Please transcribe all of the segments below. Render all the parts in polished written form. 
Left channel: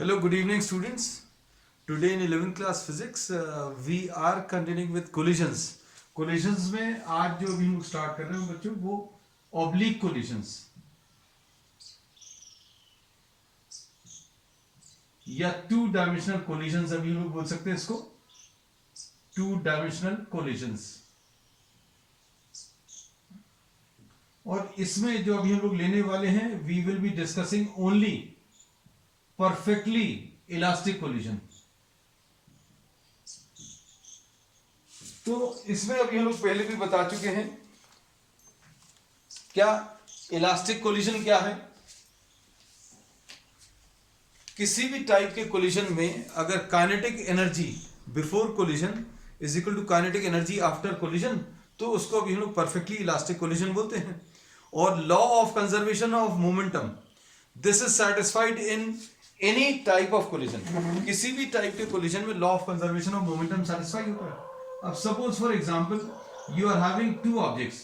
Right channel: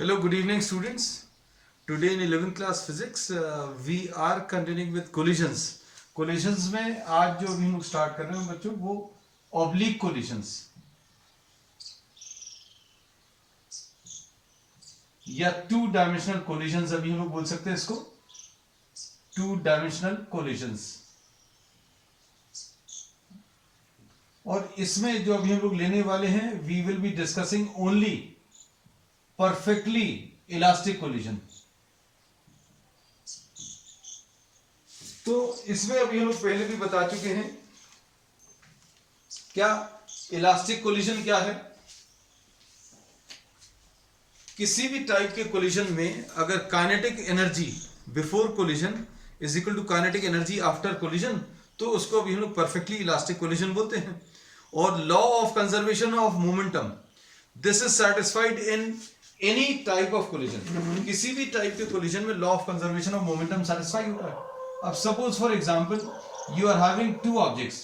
Hello, good evening, students. Today in 11th class physics, we are continuing with collisions. Collisions में आज जो अभी हम लोग स्टार्ट कर रहे हैं बच्चों वो oblique collisions या टू डायमेंशनल collisions अभी हम लोग बोल सकते हैं इसको टू डायमेंशनल collisions. और इसमें जो अभी हम लोग लेने वाले हैं we will be discussing only perfectly elastic collision. तो इसमें अभी हम लोग पहले भी बता चुके हैं क्या इलास्टिक कोलिजन क्या है. किसी भी टाइप के कोलिजन में अगर kinetic energy before collision is equal to kinetic energy after collision तो उसको अभी हम लोग परफेक्टली इलास्टिक कोलिजन बोलते हैं. और law of conservation of momentum this is satisfied in any type of collision. किसी भी टाइप के कोलिजन में law of conservation of momentum satisfy होता है. अब suppose for example you are having two objects,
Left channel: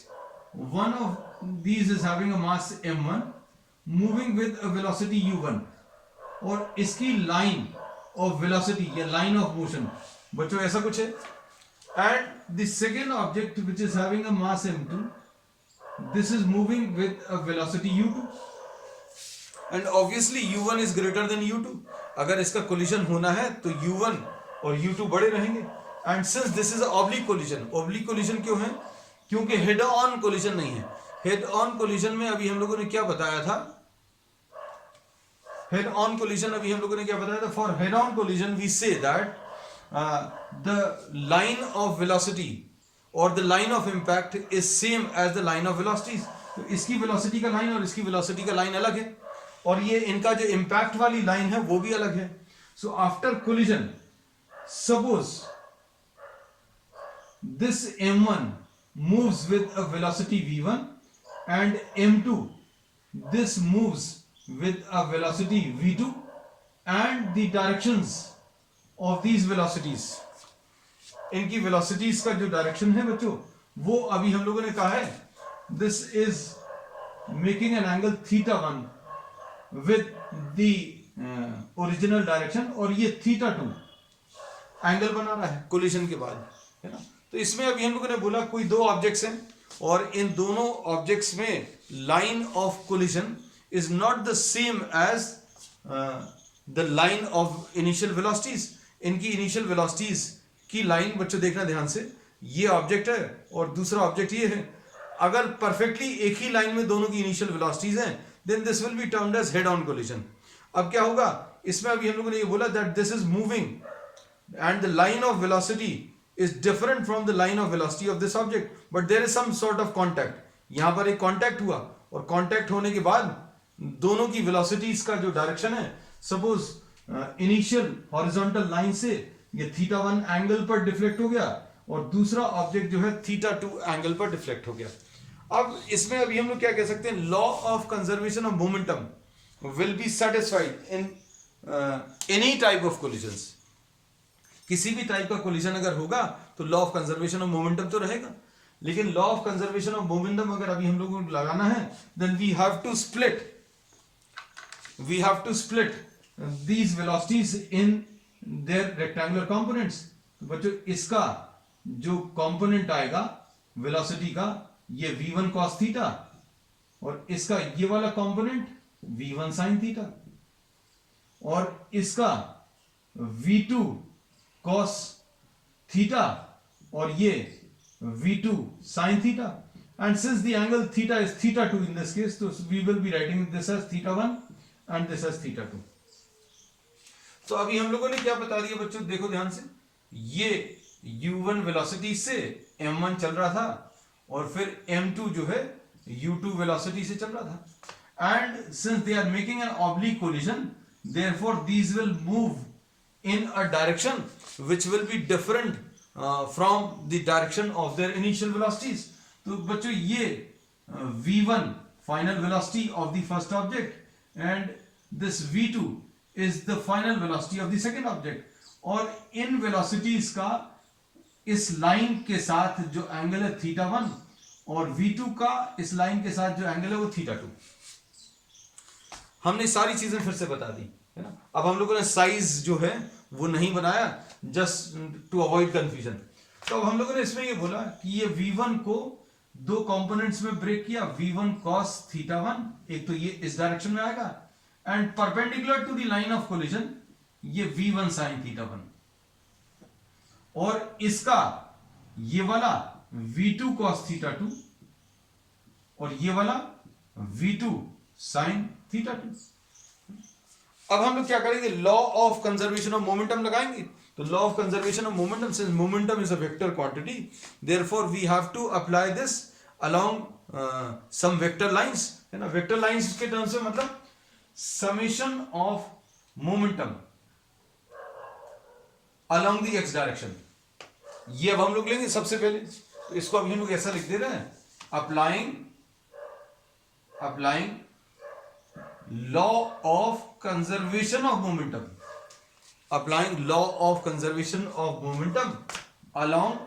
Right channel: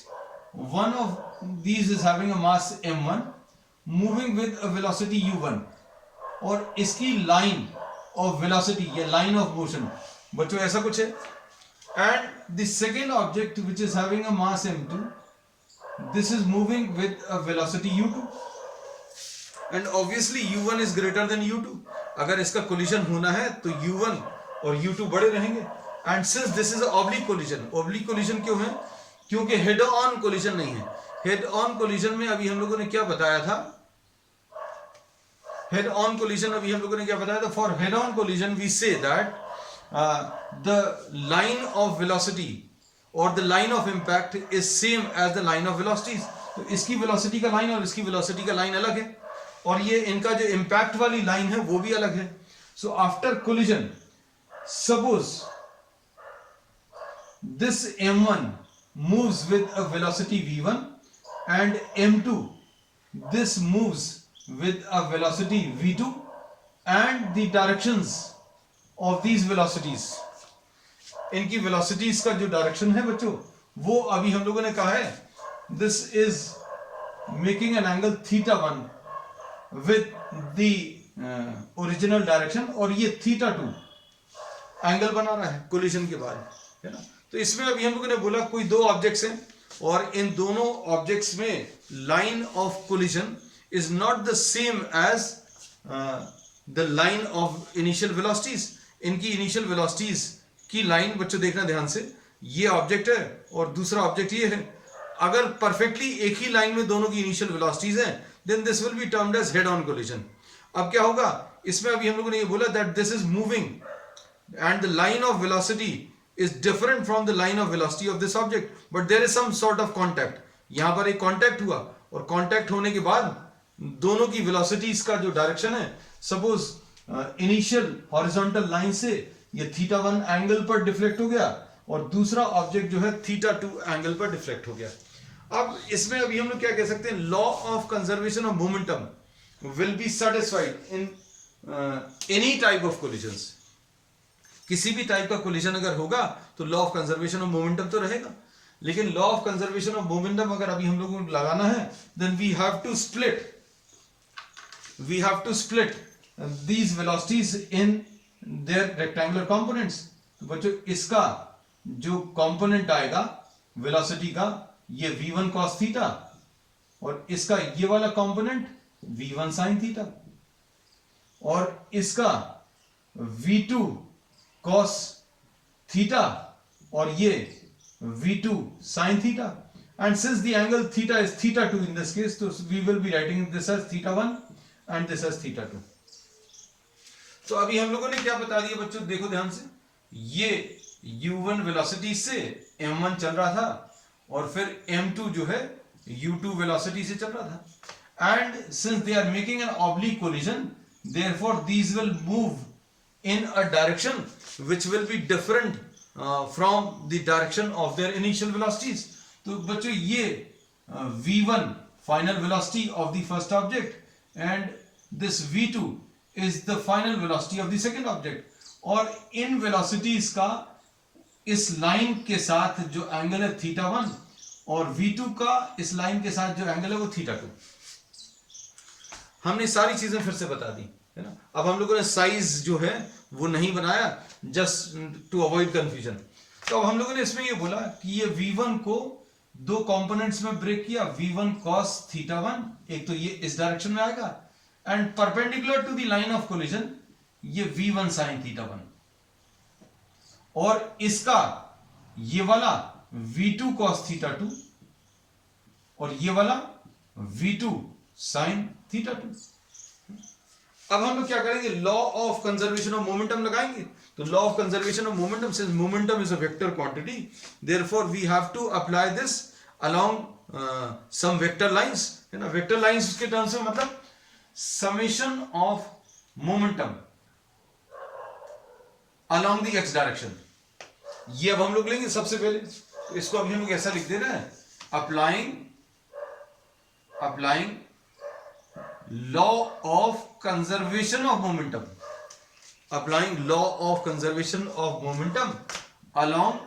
one of these is having a mass m1 moving with a velocity u1 और इसकी line of velocity या line of motion बच्चों ऐसा कुछ है. And the second object which is having a mass m2 this is moving with a velocity u2 and obviously u1 is greater than u2. अगर इसका collision होना है तो u1 और u2 बड़े रहेंगे. And since this is oblique collision, oblique collision क्यों है? क्योंकि हेड ऑन कोलिजन नहीं है. हेड ऑन कोलिजन में अभी हम लोगों ने क्या बताया था? हेड ऑन कोलिजन अभी हम लोगों ने क्या बताया था? For head on collision we say that the line of velocity और the line of impact is same as the line of velocities. तो इसकी वेलोसिटी का लाइन और इसकी वेलोसिटी का लाइन अलग है और ये इनका जो इंपैक्ट वाली लाइन है वो भी अलग है. So after collision suppose this m1 moves with a velocity v1 and m2 this moves with a velocity v2 and the directions of these velocities, इनकी velocities का जो direction है बच्चों वो अभी हम लोगों ने कहा है this is making an angle theta1 with the original direction और ये theta2 एंगल बना रहा है कोलिजन के बाद, है ना. तो इसमें अभी हम लोगों ने बोला कोई दो ऑब्जेक्ट्स हैं और इन दोनों ऑब्जेक्ट्स में line of collision is not the same as the line of initial velocities. इनकी इनिशियल वेलोसिटीज की लाइन बच्चों देखना ध्यान से, ये ऑब्जेक्ट है और दूसरा ऑब्जेक्ट ये है. अगर परफेक्टली एक ही लाइन में दोनों की इनिशियल वेलोसिटीज हैं then this will be termed as head on collision. अब क्या होगा इसमें? अभी हम लोगों ने ये बोला that this is moving and the line of velocity is different from the line of velocity of this object, but there is some sort of contact. यहां पर एक कांटेक्ट हुआ और कांटेक्ट होने के बाद दोनों की वेलोसिटीज का जो डायरेक्शन है, सपोज इनिशियल हॉरिजॉन्टल लाइन से ये θ1 एंगल पर डिफ्लेक्ट हो गया और दूसरा ऑब्जेक्ट जो है θ2 एंगल पर डिफ्लेक्ट हो गया. अब इसमें अभी हम लोग क्या कह सकते हैं? Law of conservation of momentum will be satisfied in any type of collisions. किसी भी टाइप का कोलिजन अगर होगा तो law of conservation of momentum तो रहेगा, लेकिन law of conservation of momentum अगर अभी हम लोगों को लगाना है then we have to split these velocities in their rectangular components. तो बच्चों इसका जो कंपोनेंट आएगा वेलोसिटी का ये v1 cos थीटा और इसका ये वाला कंपोनेंट v1 sin थीटा और इसका v2 cos theta और ये v2 sin theta. And since the angle theta is θ2 in this case, so we will be writing this as θ1 and this as θ2. तो अभी हम लोगों ने क्या बता दिया बच्चों, देखो ध्यान से. ये u1 वेलोसिटी से m1 चल रहा था और फिर m2 जो है u2 वेलोसिटी से चल रहा था. And since they are making an oblique collision, therefore these will move in a direction which will be different from the direction of their initial velocities. तो बच्चों ये v1 final velocity of the first object and this v2 is the final velocity of the second object. और इन velocities का इस line के साथ जो angle है θ1 और v2 का इस लाइन के साथ जो एंगल है वो θ2. हमने सारी चीजें फिर से बता दी. है ना। अब हम लोगों ने साइज जो है वो नहीं बनाया, जस्ट टू अवॉइड कंफ्यूजन। तो अब हम लोगों ने इसमें ये बोला कि ये v1 को दो कंपोनेंट्स में ब्रेक किया, v1 cos थीटा 1, एक तो ये इस डायरेक्शन में आएगा, and perpendicular to the line of collision ये v1 sin थीटा 1, और इसका ये वाला v2 cos थीटा 2 और ये वाला v2 sin थीटा 2। अब हम लोग क्या करेंगे, law of conservation of momentum लगाएंगे। तो law of conservation of momentum, since momentum is a vector quantity, therefore we have to apply this along some vector lines, है ना। वेक्टर लाइंस के टर्म्स में मतलब summation of momentum along the x direction. ये अब हम लोग लेंगे सबसे पहले, इसको अभी हम लोग ऐसा लिख दे रहे हैं, applying law of conservation of momentum, applying law of conservation of momentum along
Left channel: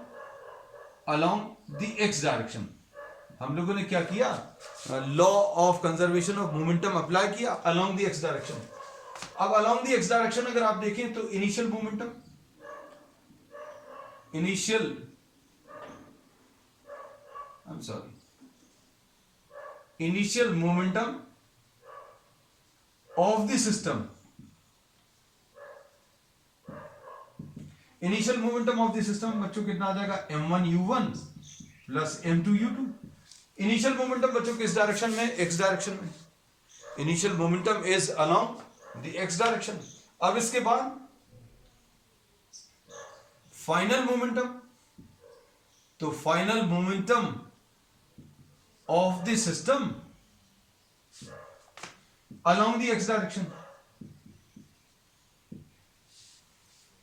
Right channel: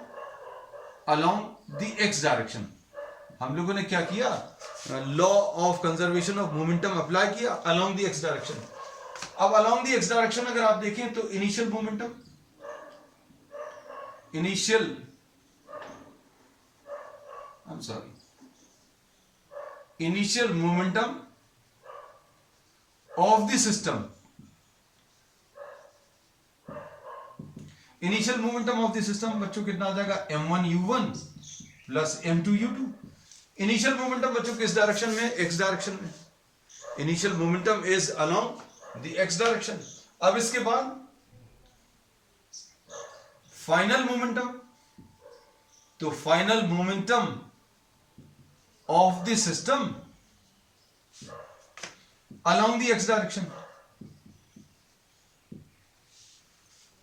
the x direction. हम लोगों ने क्या किया, law of conservation of momentum apply किया अलोंग द एक्स डायरेक्शन। अब अलोंग द एक्स डायरेक्शन अगर आप देखें तो initial momentum, initial momentum of the system, initial momentum of the system बच्चों कितना आ जाएगा, m1u1 plus m2u2। Initial momentum बच्चों किस डायरेक्शन में, एक्स डायरेक्शन में। Initial momentum is along the x direction. अब इसके बाद फाइनल मोमेंटम, तो final momentum of the system along the x direction.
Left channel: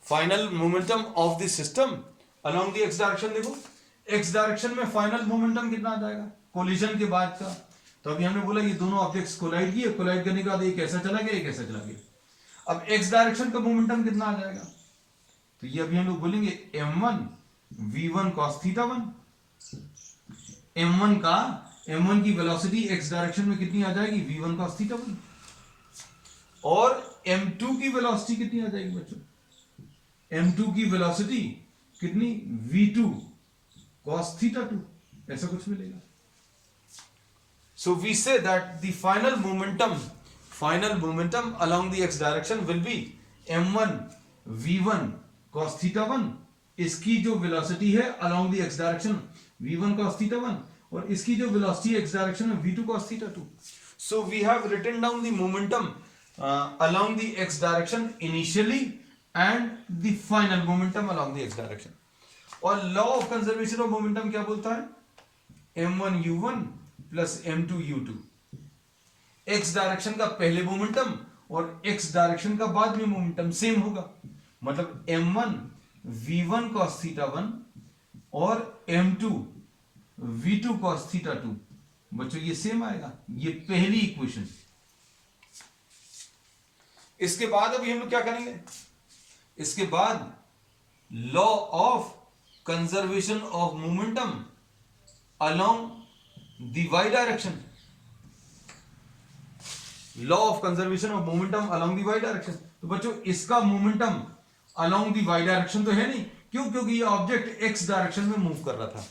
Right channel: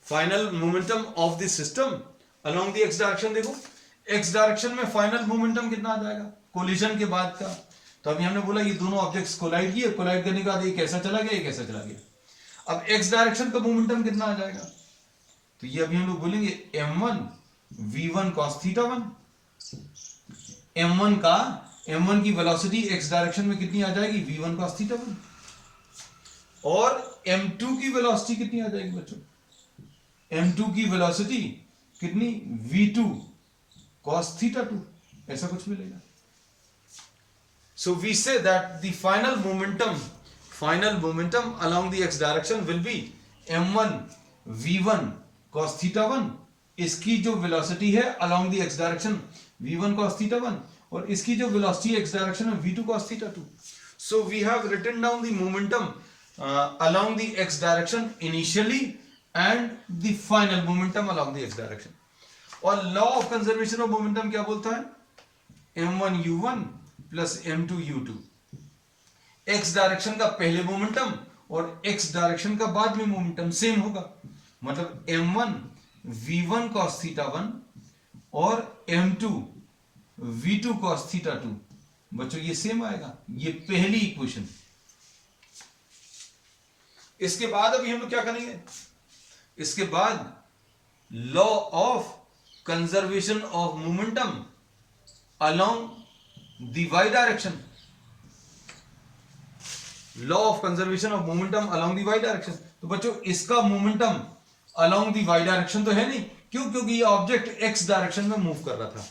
Final momentum of the system along the x direction. देखो x direction में final momentum कितना आ जाएगा collision के बाद का। तो अभी हमने बोला ये दोनों ऑब्जेक्ट्स कोलाइड किए, कोलाइड करने के बाद एक ऐसा चला गया, एक ऐसा चला गया। अब एक्स डायरेक्शन का मोमेंटम कितना आ जाएगा, तो ये अभी हम लोग बोलेंगे m1 v1 cos theta 1। m1 की वेलोसिटी एक्स डायरेक्शन में कितनी आ जाएगी, v1 cos थीटा 1, और m2 की वेलोसिटी कितनी आ जाएगी बच्चों, m2 की वेलोसिटी कितनी, v2 cos थीटा 2, ऐसा कुछ मिलेगा। So we say that the final momentum along the x direction will be m1 v1 cos theta 1। इसकी जो वेलोसिटी है along the x direction v1 cos theta 1, और इसकी जो वेलोसिटी x डायरेक्शन में v2 cos theta 2। So we have written down the momentum along the x direction initially and the final momentum along the x direction। और law of conservation of momentum क्या बोलता है, m1 u1 plus m2 u2। x direction का पहले momentum और x direction का बाद में मोमेंटम सेम होगा, मतलब m1 v1 cos थीटा 1 और m2 v2 cos थीटा 2 बच्चों ये सेम आएगा। ये पहली इक्वेशन। इसके बाद अभी हम लोग क्या करेंगे, इसके बाद law of conservation of momentum along the y direction, law of conservation of momentum along the y direction. तो बच्चों इसका momentum along the y direction तो है नहीं, क्यों, क्योंकि ये ऑब्जेक्ट x डायरेक्शन में मूव कर रहा था।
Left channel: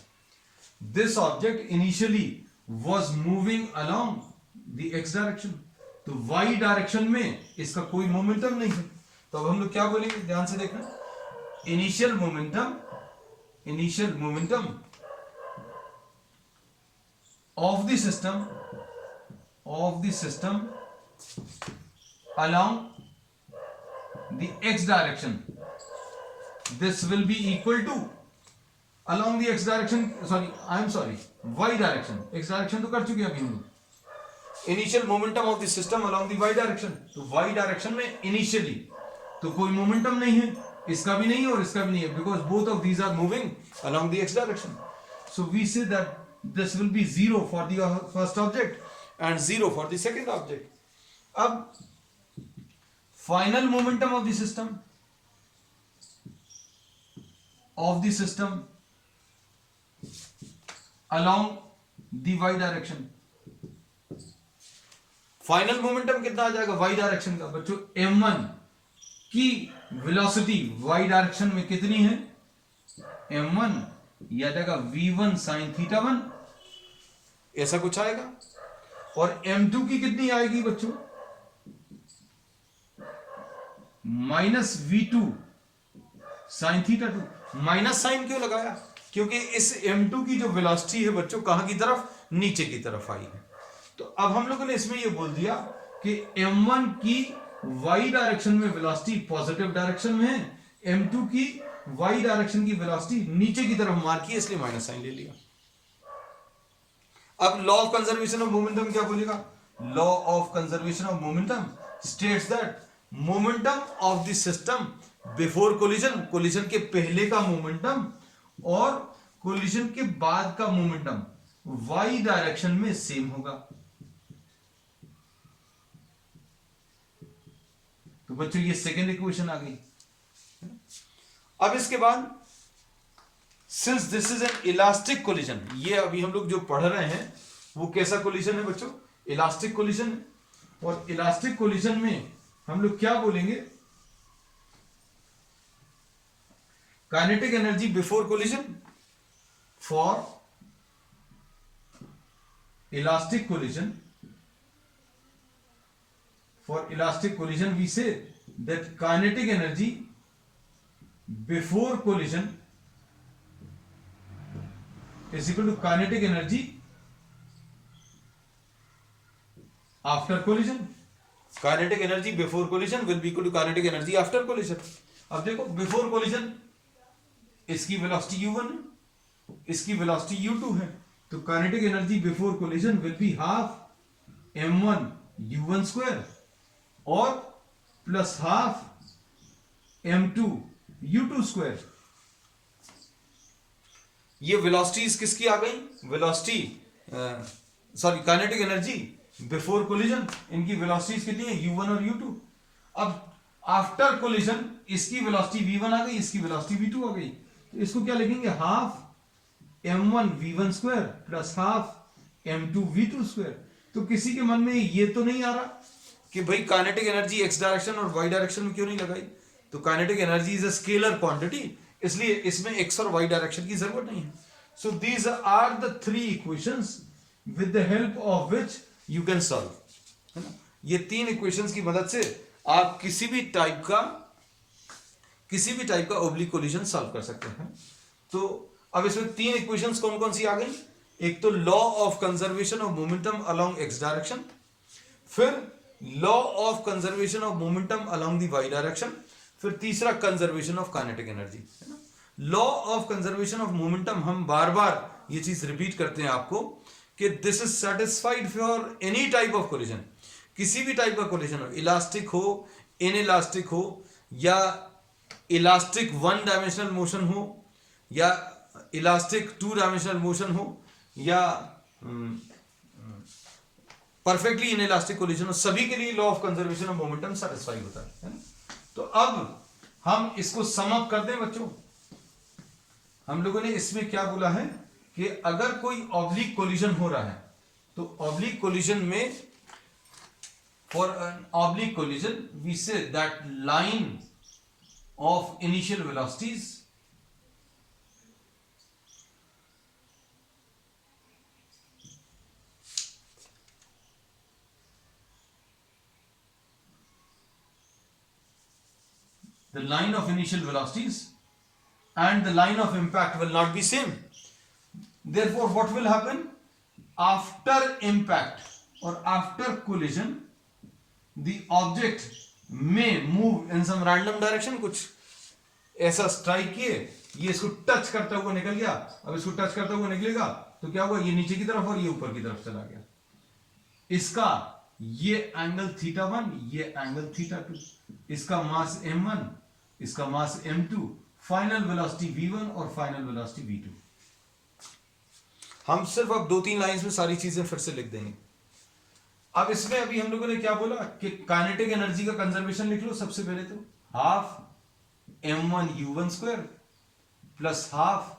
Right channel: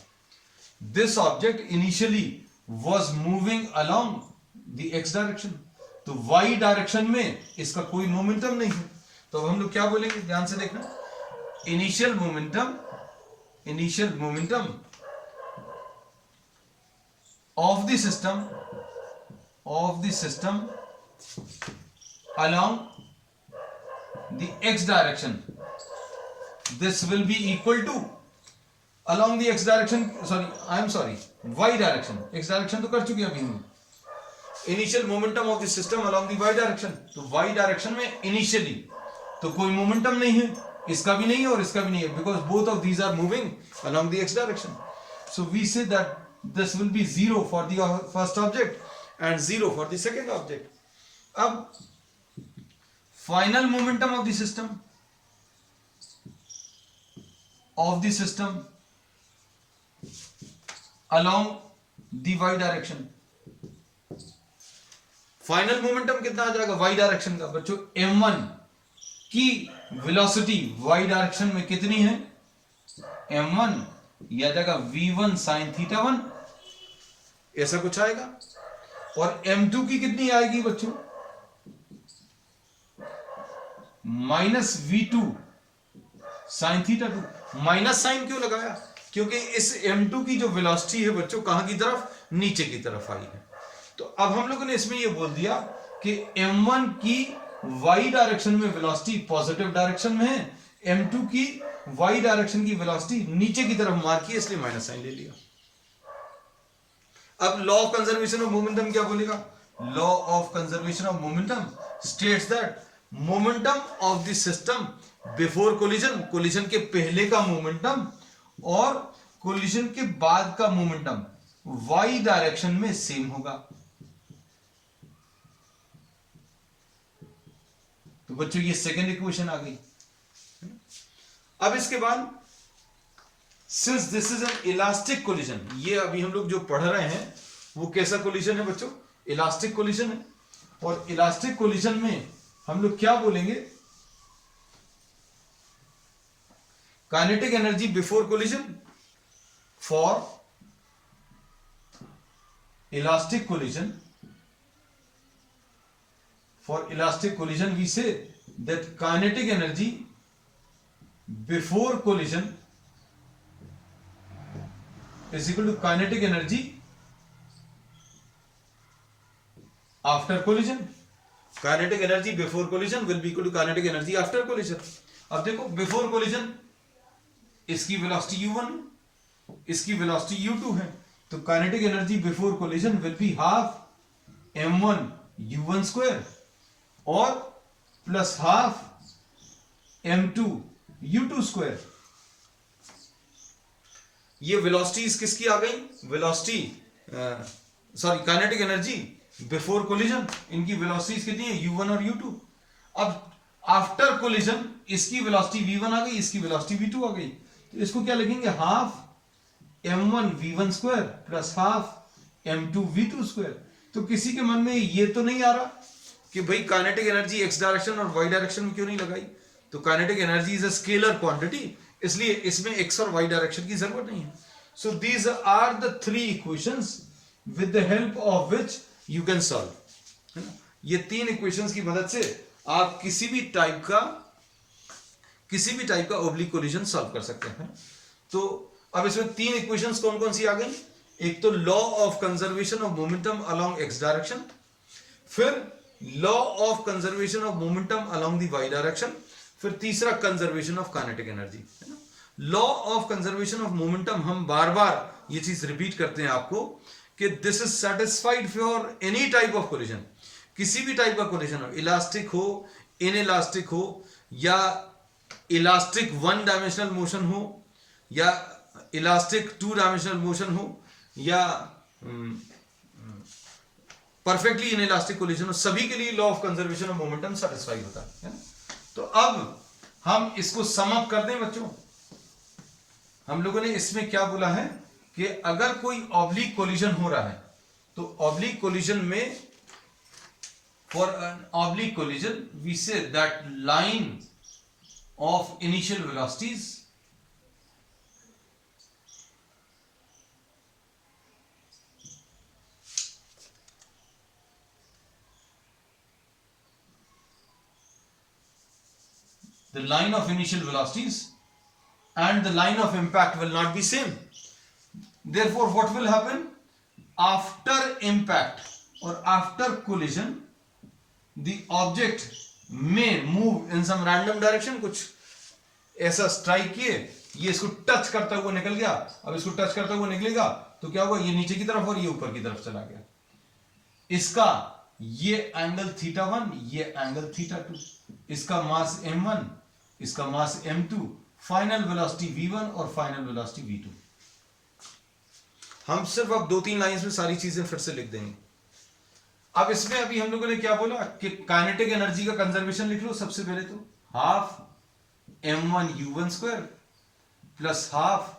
This object initially was moving along the x direction, तो y डायरेक्शन में इसका कोई मोमेंटम नहीं है। तो अब हम लोग क्या बोलेंगे, ध्यान से देखना, initial momentum of the system along the x direction, this will be equal to along the x direction, y direction। x direction तो कर चुके हैं अभी हम लोग। Initial momentum of the system along the y direction, तो y direction में initially तो कोई मोमेंटम नहीं है, इसका भी नहीं है और इसका भी नहीं है, because both of these are moving along the x direction। So we say that this will be 0 for the first object and 0 for the second object। अब final momentum of the system along the y direction, final momentum कितना आ जाएगा Y direction का बच्चों, m1 की velocity Y direction में कितनी है, m1 यह आ जाएगा v1 sin थीटा 1, ऐसा कुछ आएगा। और m2 की कितनी आएगी बच्चों, -v2 sin theta 2। Minus sign क्यों लगाया, क्योंकि इस m2 की जो वेलोसिटी है बच्चों कहां की तरफ, नीचे की तरफ आई है। तो अब हम लोगों ने इसमें यह बोल दिया कि m1 की y डायरेक्शन में वेलोसिटी पॉजिटिव डायरेक्शन में है, m2 की y डायरेक्शन की वेलोसिटी नीचे की तरफ मार की, इसलिए माइनस साइन ले लिया। अब law of conservation of momentum क्या बोलेगा, law of conservation of momentum states that momentum of the system before collision, collision के पहले का मोमेंटम और कोलिजन के बाद का मोमेंटम y डायरेक्शन में सेम होगा। तो बच्चों ये सेकेंड इक्वेशन आ गई। अब इसके बाद since this is an elastic collision, ये अभी हम लोग जो पढ़ रहे हैं वो कैसा कोलिजन है बच्चों, इलास्टिक कोलिजन है। और इलास्टिक कोलिजन में हम लोग क्या बोलेंगे, kinetic energy before collision for elastic collision, for elastic collision we say that kinetic energy before collision is equal to kinetic energy after collision, kinetic energy before collision will be equal to kinetic energy after collision। अब देखो before collision इसकी velocity u1 है, इसकी velocity u2 है, तो kinetic energy before collision will be half m1 u1 square और plus half m2 u2 square. ये velocities किसकी आ गई, velocity sorry kinetic energy before collision, इनकी वेलोसिटीज कितनी है u1 और u2। अब आफ्टर कोलिजन इसकी वेलोसिटी v1 आ गई, इसकी वेलोसिटी v2 आ गई, तो इसको क्या लिखेंगे, half m1 v1 square plus half m2 v2 square. तो किसी के मन में ये तो नहीं आ रहा कि भाई काइनेटिक एनर्जी एक्स डायरेक्शन और वाई डायरेक्शन में क्यों नहीं लगाई, तो kinetic energy is a scalar quantity, इसलिए इसमें एक्स और वाई डायरेक्शन की जरूरत नहीं है। So these are the three equations with the help of which you can solve, है ना। ये तीन इक्वेशंस की मदद से आप किसी भी टाइप का ओब्लिक कोलिजन सॉल्व कर सकते हैं। तो अब इसमें तीन इक्वेशंस कौन कौन सी आ गई, एक तो law of conservation of momentum along X direction, फिर law of conservation of momentum along the Y direction, फिर तीसरा कंजर्वेशन ऑफ काइनेटिक एनर्जी, है ना। Law of conservation of momentum हम बार बार ये चीज रिपीट करते हैं आपको कि this is satisfied for any type of collision, किसी भी टाइप का कोलिजन हो, इलास्टिक हो, इनइलास्टिक हो, या इलास्टिक वन डायमेंशनल मोशन हो, या इलास्टिक टू डायमेंशनल मोशन हो, या परफेक्टली इनइलास्टिक कोलिजन हो, सभी के लिए law of conservation of momentum satisfy होता है ना। तो अब हम इसको सम अप कर दें बच्चों, हम लोगों ने इसमें क्या बोला है कि अगर कोई ऑब्लिक कोलिजन हो रहा है तो ऑब्लिक कोलिजन में for an oblique collision we say that line of initial velocities the line of initial velocities and the line of impact will not be same. Therefore, what will happen after impact or after collision, the object may move in some random direction। कुछ ऐसा strike किए, ये इसको touch करता हुआ निकल गया, अब इसको टच करता हुआ निकलेगा तो क्या हुआ, ये नीचे की तरफ और ये ऊपर की तरफ चला गया। इसका ये एंगल θ1, ये एंगल θ2, इसका मास m1, इसका मास m2, फाइनल वेलोसिटी v1 और फाइनल वेलोसिटी v2। हम सिर्फ अब 2-3 लाइंस में सारी चीजें फिर से लिख देंगे। अब इसमें अभी हम लोगों ने क्या बोला कि काइनेटिक एनर्जी का कंजर्वेशन लिख लो सबसे पहले, तो half m1 u1 square plus half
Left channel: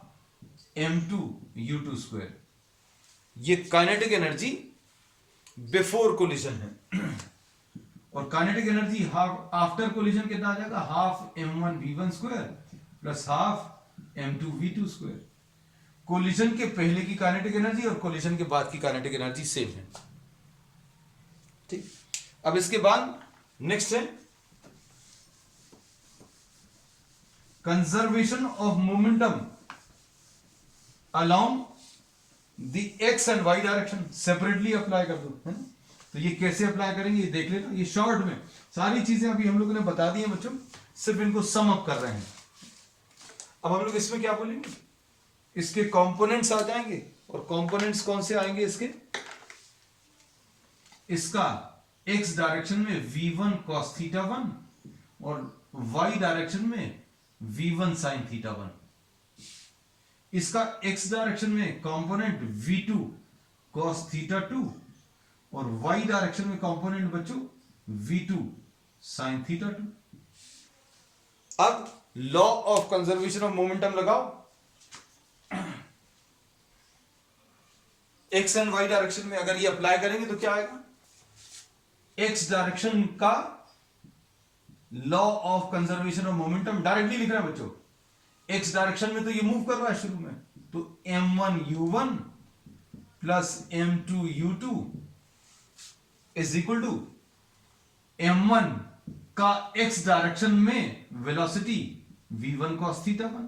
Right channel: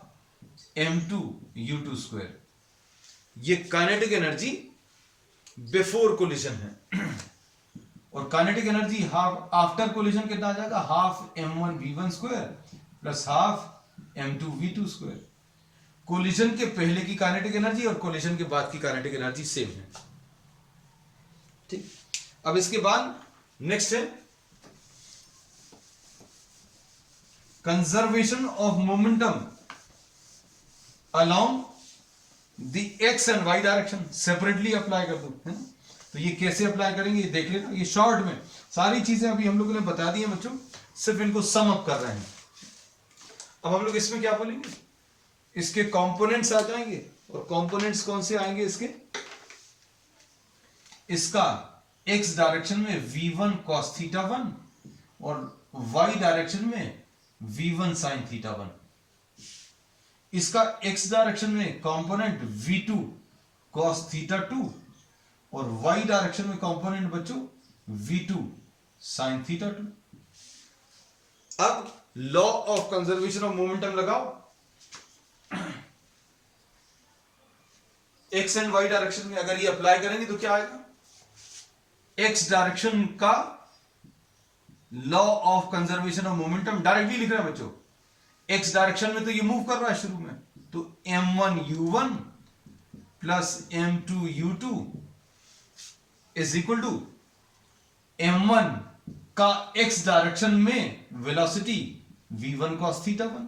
m2 u2 square, ये काइनेटिक एनर्जी बिफोर कोलिजन है। और kinetic energy half after collision कितना आ जाएगा, half m1v1 square plus half m2v2 square. Collision के पहले की काइनेटिक एनर्जी और कोलिजन के बाद की काइनेटिक एनर्जी सेम है। ठीक, अब इसके बाद नेक्स्ट है conservation of momentum along the x and y direction. Separately apply कर दो, है ना। तो ये कैसे अप्लाई करेंगे ये देख लेना। ये शॉर्ट में सारी चीजें अभी हम लोगों ने बता दी हैं बच्चों, सिर्फ इनको सम अप कर रहे हैं। अब हम लोग इसमें क्या बोलेंगे, इसके कंपोनेंट्स आ जाएंगे। और कंपोनेंट्स कौन से आएंगे इसके, इसका x डायरेक्शन में v1 cos थीटा 1 और y डायरेक्शन में v1 sin थीटा 1। इसका x डायरेक्शन में कंपोनेंट v2 cos थीटा 2 और y डायरेक्शन में कंपोनेंट बच्चों v2 sin थीटा 2। अब law of conservation of momentum लगाओ। x एंड y डायरेक्शन में अगर ये अप्लाई करेंगे तो क्या आएगा, x डायरेक्शन का law of conservation of momentum directly लिख रहे हैं बच्चों। x डायरेक्शन में तो ये मूव कर रहा है शुरू में, तो m1u1 plus m2u2 is equal to m1 का x डायरेक्शन में वेलोसिटी v1 cos थीटा 1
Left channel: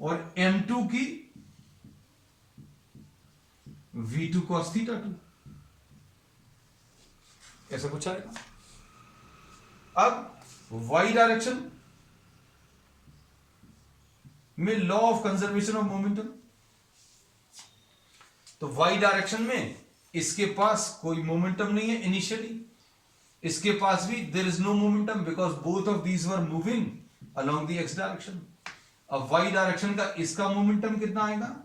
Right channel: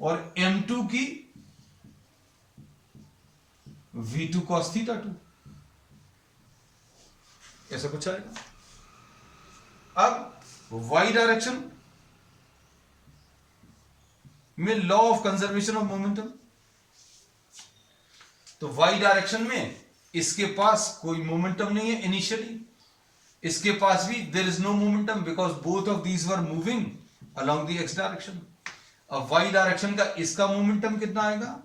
और m2 की v2 cos थीटा 2, ऐसा कुछ आएगा। अब y डायरेक्शन में law of conservation of momentum, तो y डायरेक्शन में इसके पास कोई मोमेंटम नहीं है इनिशियली, इसके पास भी there is no momentum because both of these were moving along the x direction. अब y डायरेक्शन का इसका मोमेंटम कितना आएगा,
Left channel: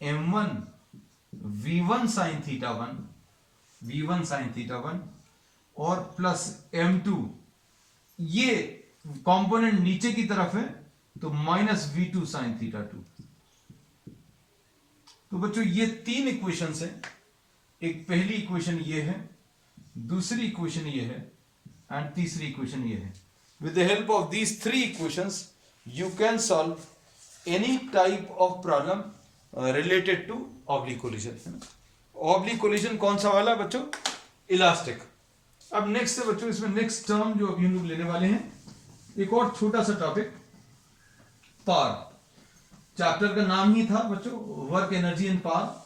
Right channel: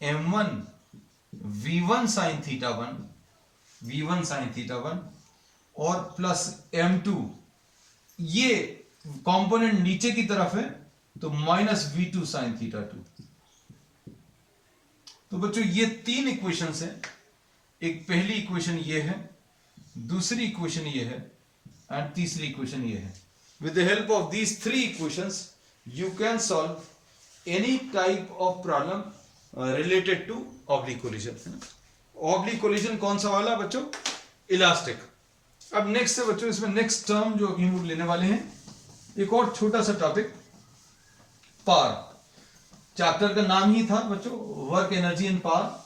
m1 v1 sin थीटा 1 और प्लस m2, ये कंपोनेंट नीचे की तरफ है तो माइनस v2 sin थीटा 2। तो बच्चों ये तीन इक्वेशंस हैं। एक पहली इक्वेशन ये है, दूसरी इक्वेशन ये है एंड तीसरी इक्वेशन ये है। With the help of these three equations you can solve any type of problem related to oblique collision, है ना। ऑब्लिक कोलिजन कौन सा वाला बच्चों, इलास्टिक। अब नेक्स्ट है बच्चों, इसमें नेक्स्ट टर्म जो अभी हम लोग लेने वाले हैं, एक और छोटा सा टॉपिक, पावर। चैप्टर का नाम ही था बच्चों work energy and power.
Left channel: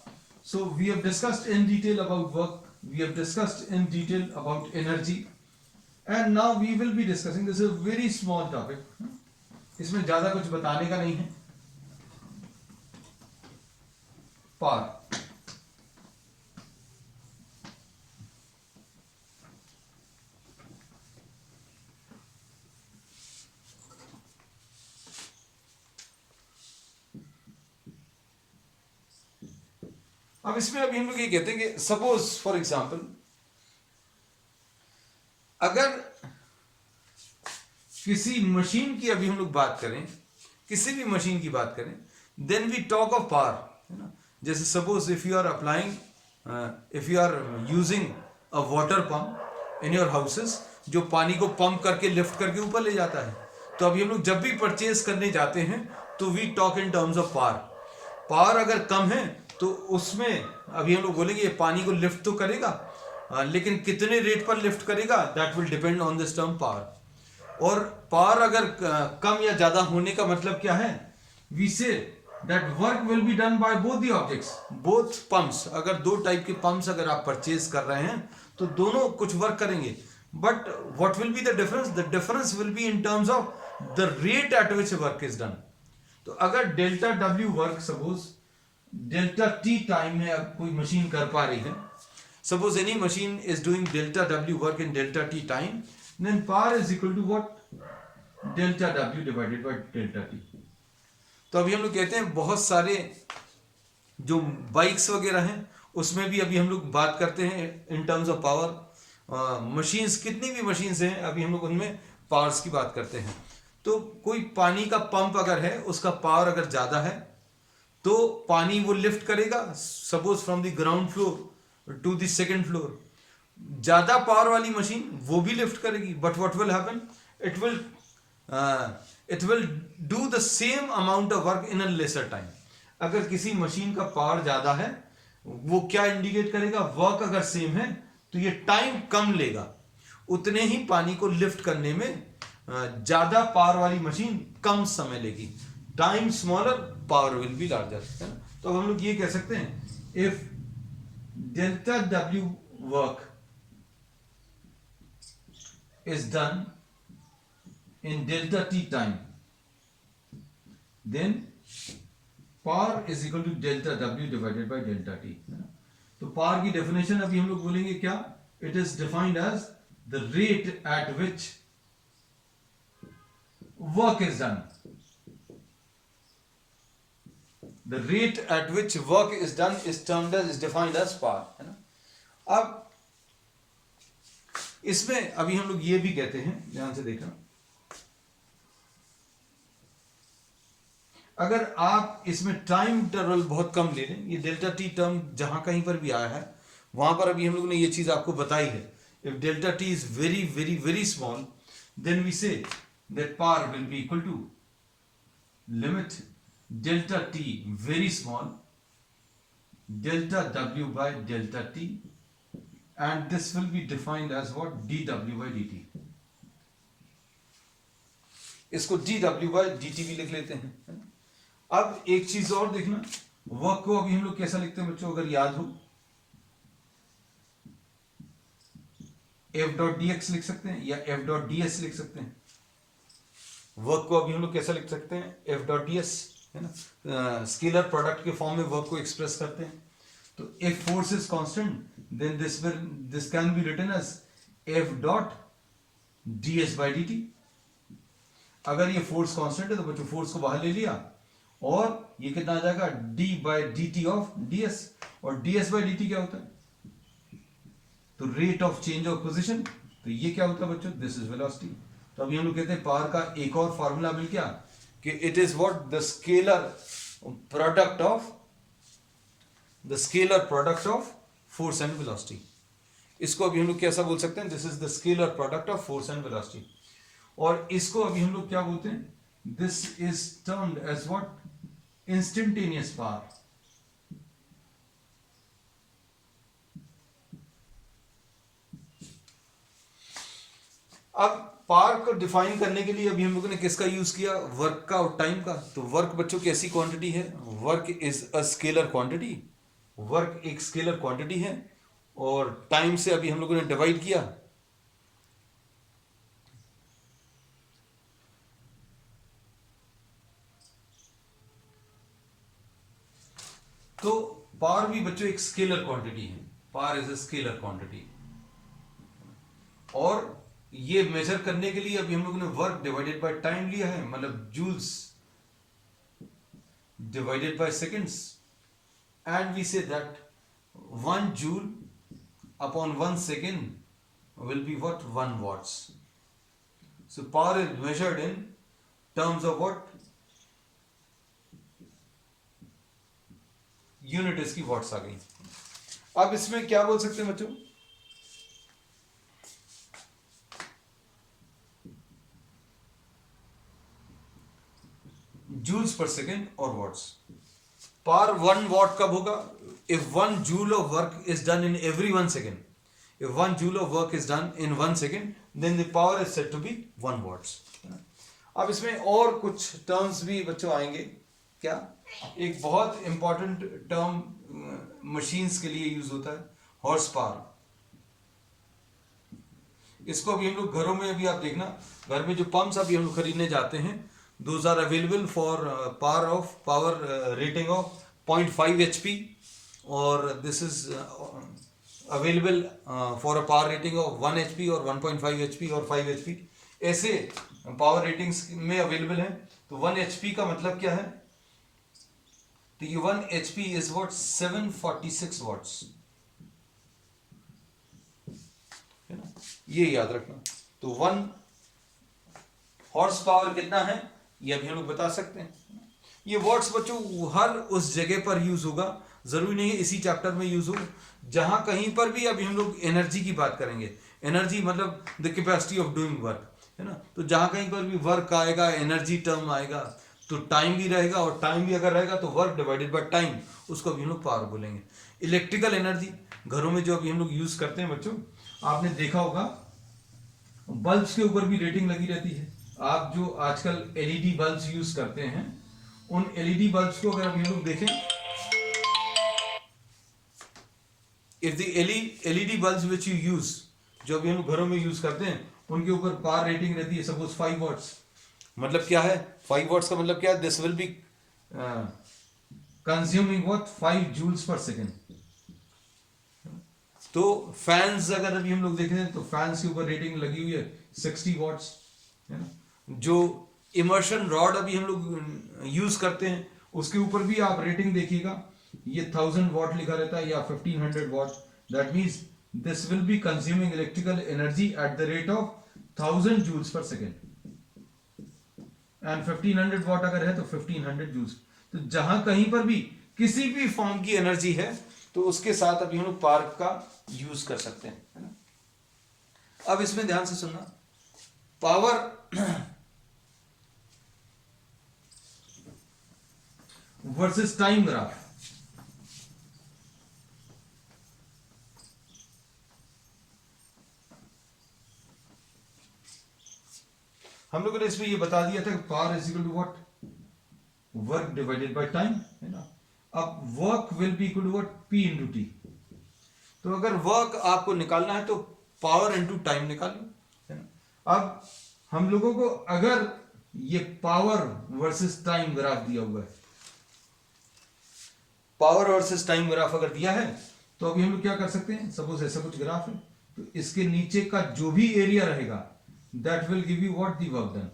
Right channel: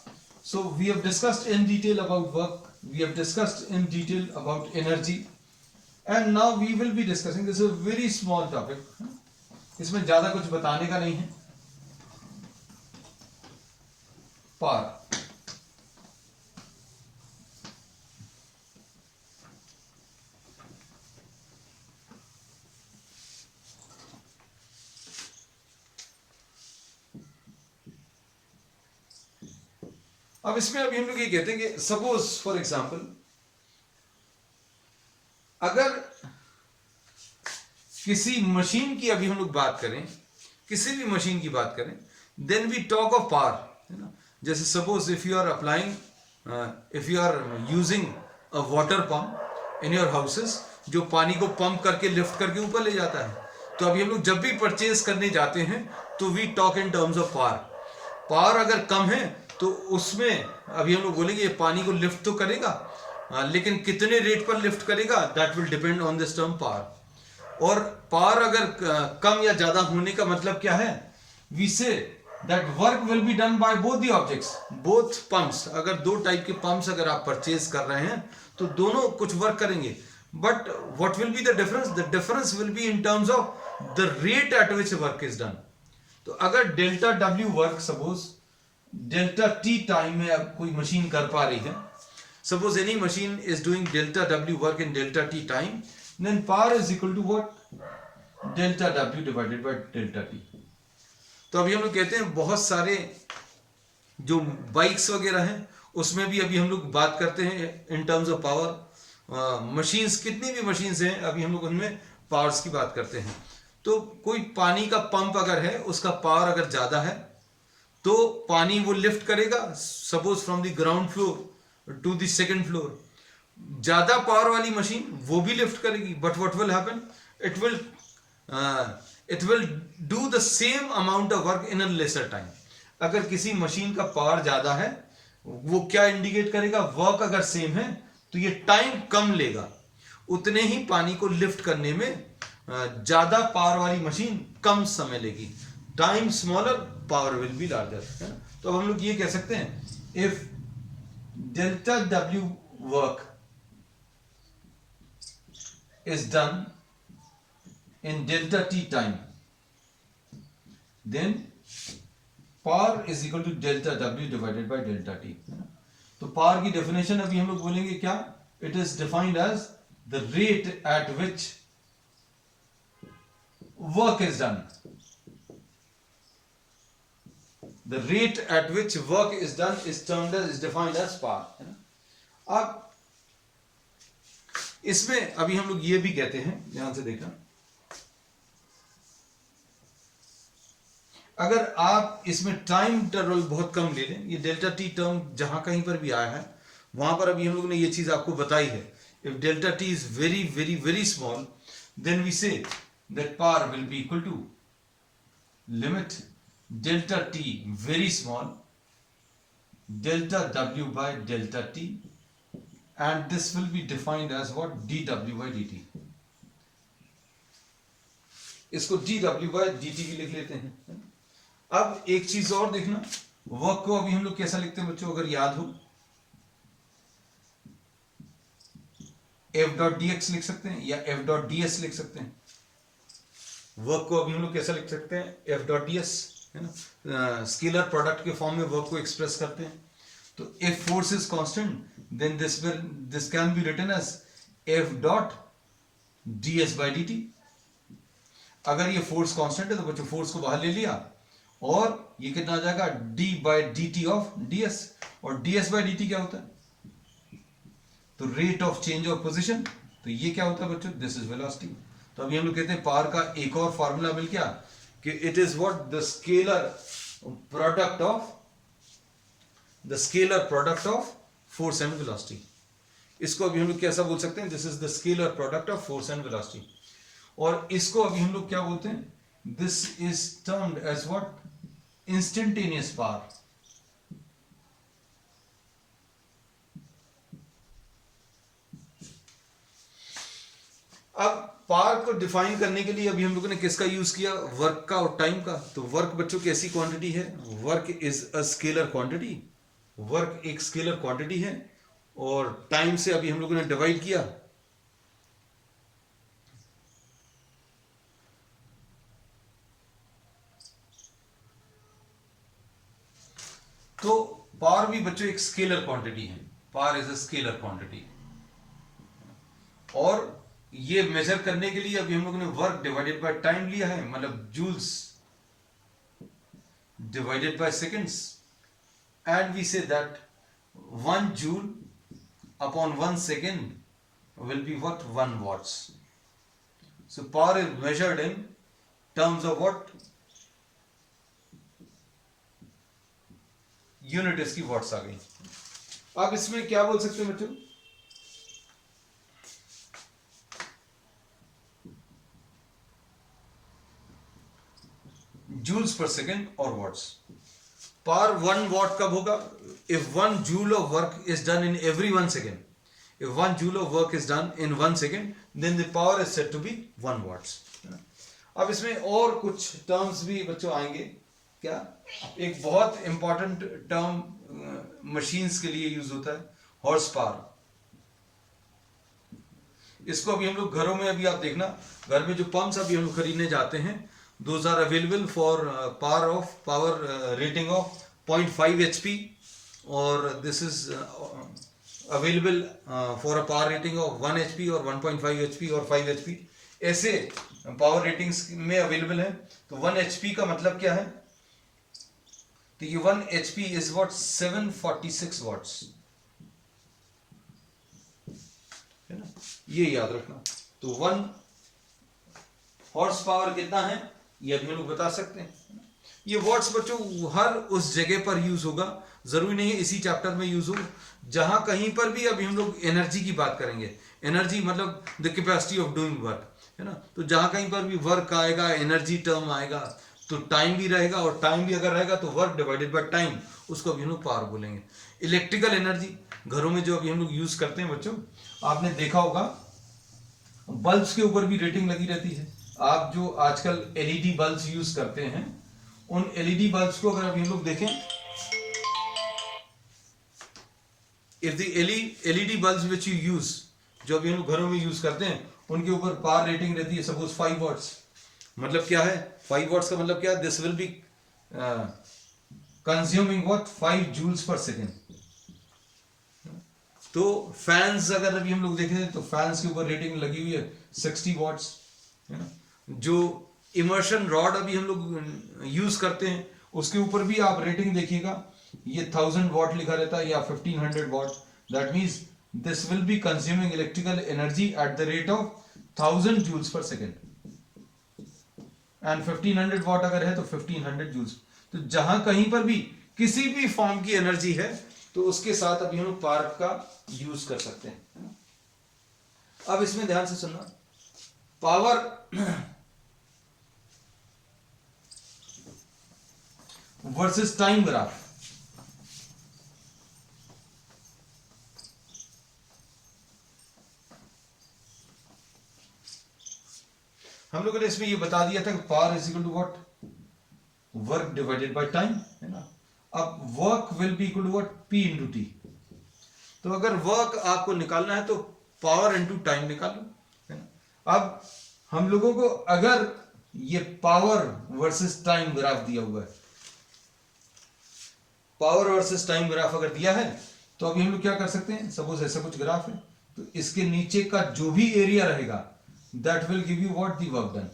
So we have discussed in detail about work, we have discussed in detail about energy and now we will be discussing this, a very small topic. इसमें ज्यादा कुछ बताने का नहीं है। पावर, अब इसमें अभी हम लोग ये कहते हैं कि सपोज फॉर एग्जांपल अगर किसी मशीन की अभी हम लोग बात करें, किसी भी मशीन की बात करें, then we talk of power, है ना। जैसे suppose if you are applying, if you are using a water pump in your houses, जो पानी को पंप करके लिफ्ट करके ऊपर ले जाता है। तो अभी हम लोग जब भी परचेज करने जाते हैं तो we talk in terms of power. Power अगर कम है तो उसमें अभी हम लोग बोलेंगे ये पानी को लिफ्ट तो करेगा, लेकिन कितने रेट पर लिफ्ट करेगा, that will depend on this term power. और पावर अगर कम या ज्यादा होने का मतलब क्या है, we say that work will be done by both the objects, both pumps. अगर दो टाइप के पंप्स अगर आप परचेज कर रहे हैं तो दोनों कुछ वर्क करेंगे, but what will be the difference, the difference will be in terms of the rate at which work is done. तो अगर delta W work suppose delta T time में अब कोई मशीन कर पा रही है, suppose any machine is doing delta W work in delta T time, then power is equal to what, delta W divided by delta T. तो अभी हम लोग कहते हैं बहुत सारे जो बाइक्स वगैरह हैं उसमें भी अभी हम लोग बात करते हैं इन टर्म्स ऑफ पावर। मशीन्स, कितनी भी मशीन्स हैं अभी हम लोग उनमें पावर्स की बात करते हैं। तो कोई पानी का पंप अगर है, उसका पावर अगर ज्यादा है तो पानी वो लिफ्ट करेगा suppose from the ground floor to the second floor. ज्यादा पावर वाली मशीन वो भी लिफ्ट करेगी, but what will happen, it will do the same amount of work in a lesser time. अगर किसी मशीन का पावर ज्यादा है, वो क्या इंडिकेट करेगा, वर्क अगर सेम है तो ये टाइम कम लेगा, उतने ही पानी को लिफ्ट करने में ज्यादा पावर वाली मशीन कम समय लेगी। Time smaller, power will be larger, है ना। तो अब हम लोग ये कह सकते हैं, if delta W work is done in delta t time, then power is equal to delta w divided by delta t, है ना। तो पावर की डेफिनेशन अभी हम लोग बोलेंगे क्या, it is defined as the rate at which work is done, the rate at which work is done is termed as, is defined as power, है ना। अब इसमें अभी हम लोग ये भी कहते हैं, ध्यान से देखना, अगर आप इसमें टाइम इंटरवल बहुत कम ले लें, ये डेल्टा टी टर्म जहां कहीं पर भी आया है वहां पर अभी हम लोगों ने ये चीज आपको बताई है, if delta T is very very very small, then we say that power will be equal to limit delta T very small delta W by delta T, and this will be defined as what, dw by dt। इसको dw by dt भी लिख लेते हैं। अब एक चीज और देखना, वर्क को अभी हम लोग कैसा लिखते हैं बच्चों, अगर याद हो, f डॉट dx लिख सकते हैं या f डॉट ds लिख सकते हैं। वर्क को अभी हम लोग कैसा लिख सकते हैं, f डॉट ds, है ना। स्केलर प्रोडक्ट के फॉर्म में वर्क को एक्सप्रेस करते हैं। तो if force is constant, then this can be written as f dot ds by dt। अगर ये फोर्स कांस्टेंट है तो बच्चों फोर्स को बाहर ले लिया और ये कितना आ जाएगा, d by dt of ds, और ds by dt क्या होता है, तो rate of change of position. तो ये क्या होता है बच्चों, दिस इज वेलोसिटी। तो अभी हम लोग कहते हैं पावर का एक और फॉर्मूला मिल गया कि it is what, the scalar product of, the scalar product of force and velocity. इसको अभी हम लोग कैसा बोल सकते हैं, this is the scalar product of force and velocity. और इसको अभी हम लोग क्या बोलते हैं, this is termed as what, instantaneous power. अब पावर को डिफाइन करने के लिए अभी हम लोगों ने किसका यूज किया, वर्क का और टाइम का। तो वर्क बच्चों कैसी क्वांटिटी है, work is a scalar quantity, work एक स्केलर क्वांटिटी है, और टाइम से अभी हम लोगों ने डिवाइड किया। तो पावर भी बच्चों एक स्केलर क्वांटिटी है, power is a scalar quantity. और ये मेजर करने के लिए अभी हम लोगों ने वर्क डिवाइडेड बाय टाइम लिया है, मतलब joules divided by seconds, and we say that 1 joule upon 1 second will be what, 1 watts। so power is measured in terms of what, unit इसकी वाट्स आ गई। अब इसमें क्या बोल सकते हैं बच्चों, जूल्स पर सेकेंड और वाट्स। पावर 1 watt कब होगा, if 1 joule of work is done in every 1 second, if 1 joule of work is done in 1 second, then the power is said to be 1 watts। अब इसमें और कुछ terms भी बच्चों आएंगे, क्या, एक बहुत इंपॉर्टेंट टर्म मशीन्स के लिए यूज होता है, हॉर्स पावर। इसको अभी हम लोग घरों में, अभी आप देखना घर में जो पंप्स अभी हम लोग खरीदने जाते हैं, those are available for power rating of 0.5 HP, or this is available for a power rating of 1 HP or 1.5 HP or 5 HP, ऐसे पावर रेटिंग्स में अवेलेबल है। तो 1 HP का मतलब क्या है, तो ये 1 HP is what, 746 watts, है ना, ये याद रखना। तो 1 हॉर्स पावर कितना है ये अभी हम लोग बता सकते हैं। ये वॉट्स बच्चों हर उस जगह पर यूज होगा, जरूरी नहीं है इसी चैप्टर में यूज हो, जहां कहीं पर भी अभी हम लोग एनर्जी की बात करेंगे, एनर्जी मतलब the capacity of doing work, है ना। तो जहां कहीं पर भी वर्क आएगा, एनर्जी टर्म आएगा, तो टाइम भी रहेगा, और टाइम भी अगर रहेगा तो वर्क डिवाइडेड बाय टाइम, उसको अभी हम लोग पावर बोलेंगे। इलेक्ट्रिकल एनर्जी, घरों में जो अभी हम लोग यूज करते हैं बच्चों, आपने देखा होगा बल्ब्स के ऊपर भी रेटिंग लगी रहती है। आप जो आजकल एलईडी बल्ब्स यूज करते हैं, उन एलईडी बल्ब्स को अगर अभी हम लोग देखें, if the LED bulbs which you use, जो अभी हम लोग घरों में यूज करते हैं, उनके ऊपर पावर रेटिंग रहती है सपोज 5 वॉट्स। मतलब क्या है 5 वॉट्स का मतलब क्या है? This will be consuming what 5 joules per second. तो फैंस अगर अभी हम लोग देखें तो फैंस के ऊपर रेटिंग लगी हुई है 60 वॉट्स, है ना। जो इमर्शन रॉड अभी हम लोग यूज करते हैं, उसके ऊपर भी आप रेटिंग देखिएगा, ये 1000 वॉट लिखा रहता है या 1500 watt. That means this will be consuming electrical energy at the rate of 1000 joules per second, and 1500 watt अगर है तो 1500 जूल्स। तो जहां कहीं पर भी किसी भी फॉर्म की एनर्जी है, तो उसके साथ अभी हम लोग पावर का यूज कर सकते हैं, है ना। अब इसमें ध्यान से सुनना, पावर वर्सेस टाइम ग्राफ। हम लोगों ने इसमें ये बता दिया था कि power is equal to what, work divided by time, है ना। अब work will be equal to what, P into T. तो अगर वर्क आपको निकालना है तो पावर इंटू टाइम निकाल लो, है ना। अब हम लोगों को अगर ये पावर वर्सेस टाइम ग्राफ दिया हुआ है, पावर वर्सेस टाइम ग्राफ अगर दिया है, तो अभी हम लोग क्या कर सकते हैं, सपोज ऐसा कुछ ग्राफ है, तो इसके नीचे का जो भी एरिया रहेगा that will give you what, the work done.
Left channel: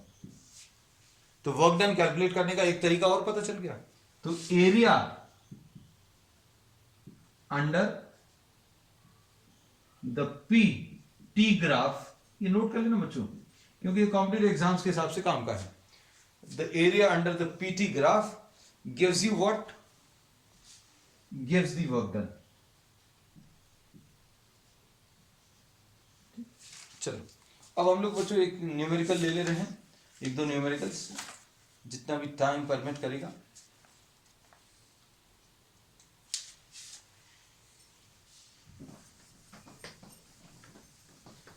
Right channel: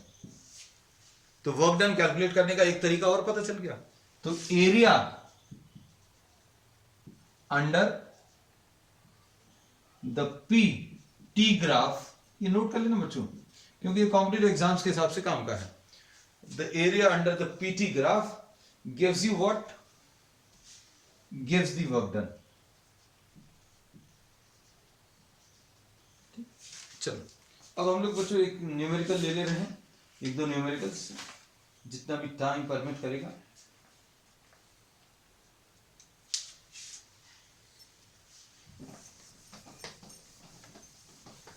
तो वर्क डन कैलकुलेट करने का एक तरीका और पता चल गया। तो area under the P T graph, ये नोट कर लेना बच्चों, क्योंकि ये कॉम्पिटिटिव एग्जाम्स के हिसाब से काम का है। The area under the P T graph gives you what, gives the work done. चलो अब हम लोग बच्चों एक न्यूमेरिकल ले ले रहे हैं, एक दो न्यूमेरिकल्स, जितना भी टाइम परमिट करेगा।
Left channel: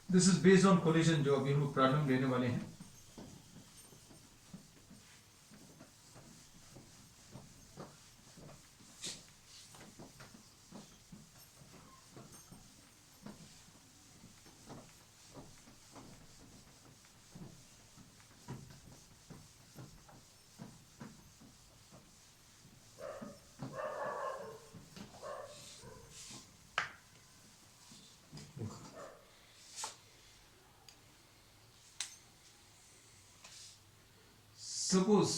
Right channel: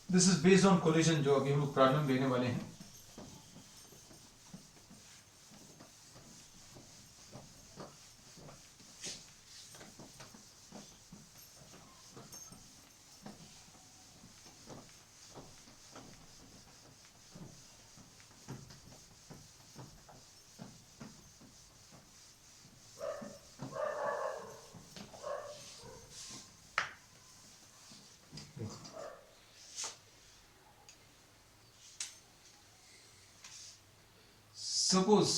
This is based on collision, जो अभी हम लोग प्रॉब्लम लेने वाले हैं। Suppose